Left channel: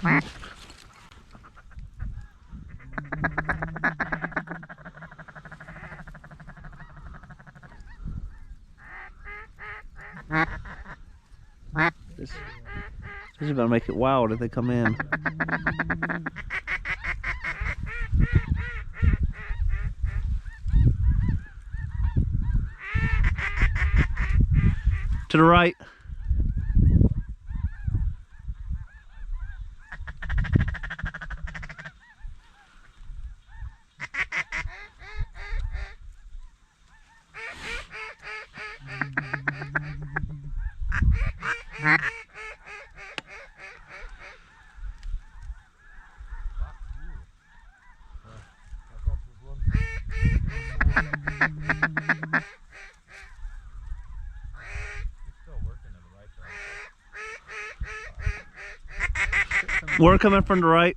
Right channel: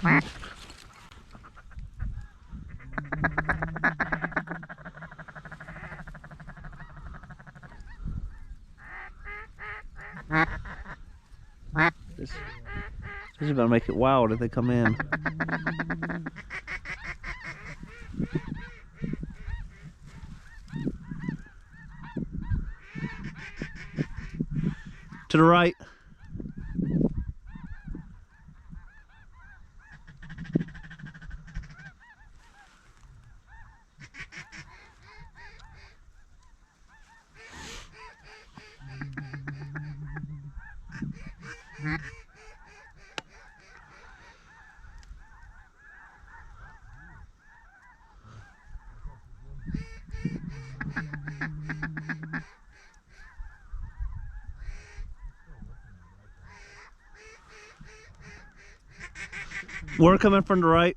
This is gonna make it wild if they come in. To the right. We're coming from the right.